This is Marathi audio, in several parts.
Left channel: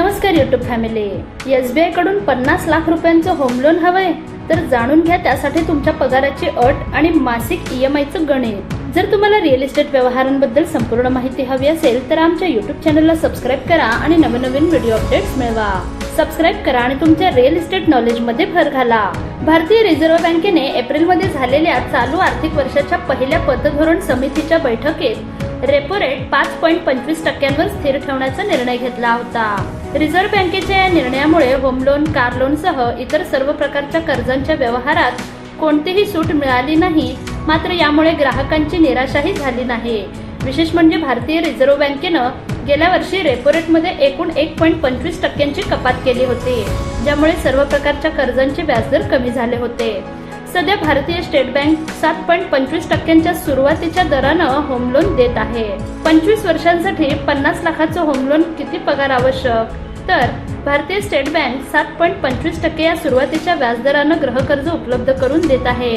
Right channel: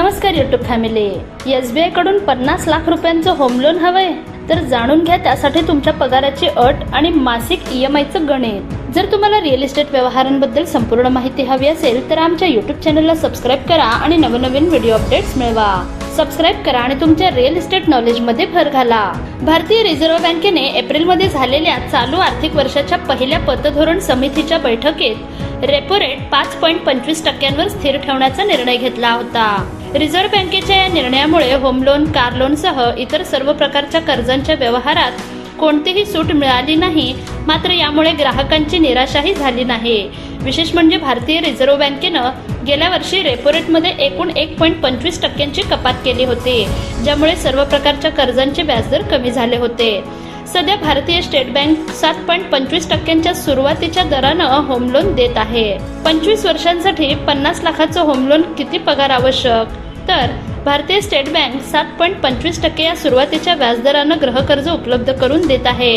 नमस्कार यूट्यूब फॅमिली. SBI कडून 50 लाख रुपयांचं होम लोन हवंय तर जाणून घ्या त्यासाठी तुमच्या पगाराची अट आणि मासिक EMIचं गणित. जर तुम्हाला रिअल इस्टेट व्यवहारांबद्दल संपूर्ण माहिती हवी असेल तर आमच्या यूट्यूब चॅनलला सबस्क्राईब करा आणि नवनवीन व्हिडिओ अपडेट्स मिळवा. सबस्क्राईब करा आणि तुमच्या रिअल इस्टेट नॉलेजमध्ये भर घाला. भारतीय रिझर्व्ह बँकेने एप्रिलमध्ये झालेल्या चालू आर्थिक वर्षाच्या पहिल्या पतधोरण समितीच्या बैठकीत रेपो रेट 5.25% स्थिर ठेवण्याचा निर्णय घेतला होता. रिझर्व्ह बँकेच्या या निर्णयामुळे होम लोन, कार लोनसह इतर सर्व प्रकारच्या कर्जांच्या व्यवहारात कोणतीही सूट मिळाली नाही. मात्र यामुळे ग्राहकांची निराशाही झाली नाही. विशेष म्हणजे भारतीय रिझर्व्ह बँकेनं गेल्या वर्षी रेपो रेटमध्ये एकूण 1.25% कपात केली होती, ज्यामुळे सर्व प्रकारच्या कर्जांचे व्याजदर कमी झाले होते. सध्या भारतीय स्टेट बँक 7.25% सुरुवातीच्या दरानं होम लोन देत आहे. 25 वर्षांसाठी 50 लाखाचं होम लोन किती पगार आवश्यक? तर भारतीय स्टेट बँक 7.25% या सुरुवातीच्या व्याजदरानं गृहकर्ज उपलब्ध करून देत आहे.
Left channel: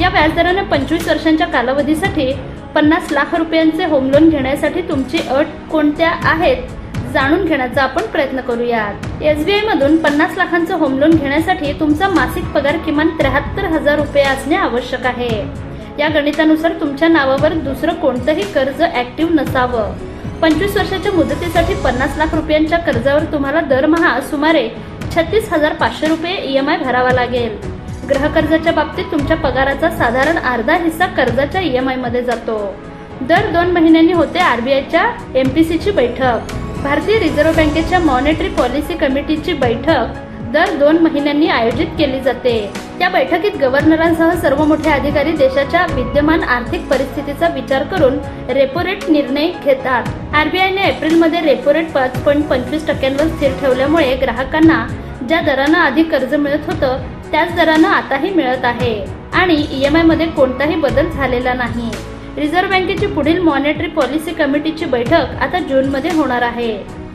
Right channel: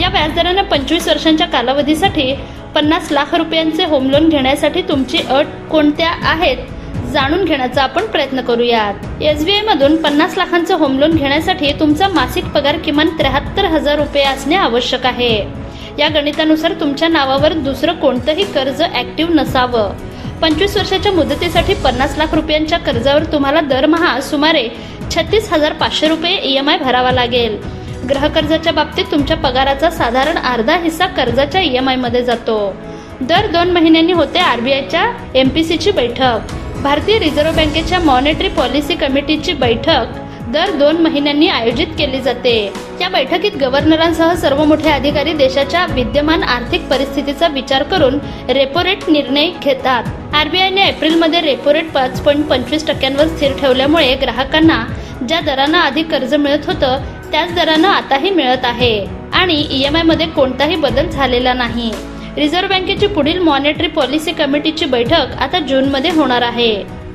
या व्याजदरानं 25 वर्षांच्या कालावधीसाठी 50 लाख रुपयांचे होम लोन घेण्यासाठी तुमची अट कोणत्या आहेत जाणून घेण्याचा आपण प्रयत्न करूयात. SBI मधून 50 लाखांचं होम लोन घेण्यासाठी तुमचा मासिक पगार किमान 73,000 रुपये असणे आवश्यक आहे. या गणितानुसार तुमच्या नावावर दुसरं कोणतंही कर्ज ऍक्टिव्ह नसावं. 25 वर्षाच्या मुदतीसाठी 50 लाख रुपयांच्या कर्जावर तुम्हाला दरमहा सुमारे 36,500 रुपये EMI भरावा लागेल. गृहकर्जाच्या बाबतीत तुमच्या पगाराचा साधारण अर्धा हिस्सा कर्जाच्या EMI मध्ये जातो. दर 2 महिन्यांनी होते RBIच्या MPCची बैठक. भारतीय रिझर्व्ह बँकेच्या मॉनेटरी पॉलिसी कमिटीची बैठक दर 2 महिन्यांनी आयोजित केली जाते. या बैठकीत गव्हर्नरांसह सर्व मोठे अधिकारी देशाच्या विद्यमान आर्थिक परिस्थितीचा विचार करून रेपो रेट निर्णय घेतात. RBIने एप्रिलमध्ये रेपो रेट 5.25% स्थिर ठेवल्यामुळे ग्राहकांना ज्या दरानं आधी कर्ज मिळत होतं त्याच दरानं आताही मिळत आहे आणि EMI मध्ये कोणताही बदल झालेला नाही. रिझर्व्ह बँकेची पुढील मॉनेटरी पॉलिसी कमिटीची बैठक आता जूनमध्ये होणार आहे.